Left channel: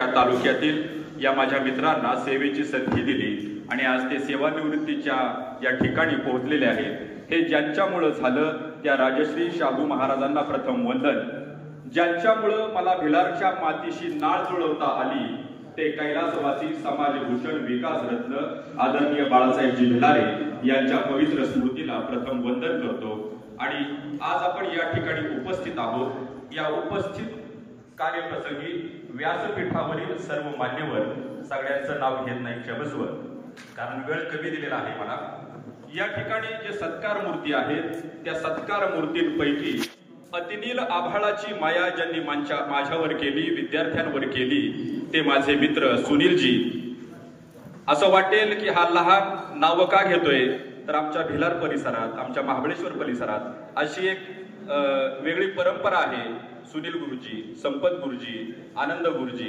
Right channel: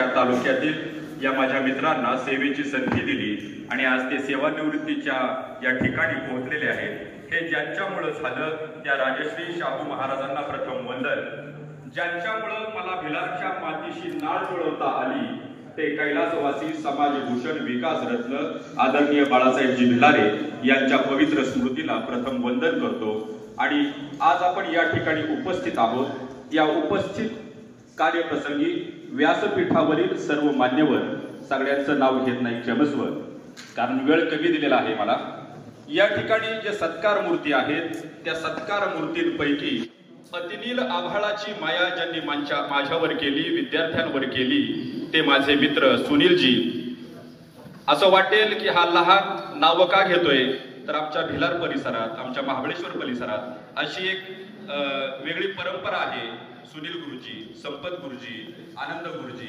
तालुक्यातील या माझ्या मित्रांना सेवेची संधी दिली आणि आज ते सेवानिवृत्तीच्या या ठिकाणी पोहोचलेले आहेत। हे ज्यांच्यामुळे झालं त्या राजश्री शाहू महाराजांना प्रथम वंदन। ज्यांच्यामुळे मला भिलारच्या मातीशी नाळ जुळवता आली ते कैलासवासी समाजभूषण विकास रत्न आदरणीय बाळासाहेबजी भिलारे यांच्या पवित्र स्मृतीला प्रथम वंदन करतो। आणि आज आपण या ठिकाणी उपस्थित आहोत। या उपस्थित कार्यप्रसंगी व्यासपीठावरील सर्व मान्यवर, सगळ्यांचं नाव घेत नाही क्षमस्व, कारण वेळ कमी दिलेला आहे मला। या ठिकाणी जे सत्कार मूर्ती आहेत त्या सत्कार मूर्तींपैकी अतिनील आभाळाची माया ज्यांनी माझ्यावर केली, विद्यार्थ्यांवर केली, ते माझे मित्र सुनीलजी। असं वाटेल की हा लहान नाव का घेतोय, तर आमच्या भिलार परिसरात, आमच्या महाबळेश्वर परिसरात अशी एक वेगळी परंपरा आहे। सुनील गुरुजी, संपत गुरुजी, आनंद गुरुजी